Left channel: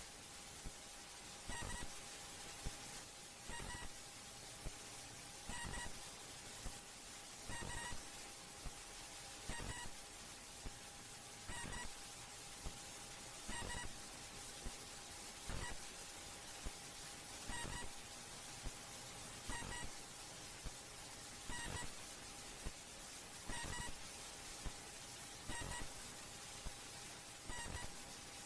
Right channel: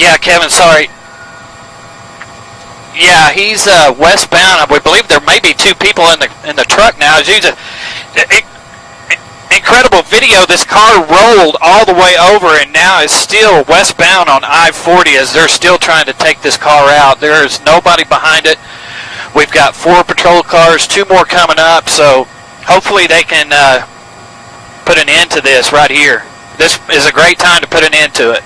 Yeah, Kevin, sorry. Yeah, he's westbound. We believe there may be two people in the truck now. It's incredible video. This car rolled all the way over and now is still westbound on I-40 as they're still trying to take this car out. There's nobody behind it. We've got 4 patrol cars, 2 more coming up, so hopefully they can put an end to this right here. This is a great time to put an end to it.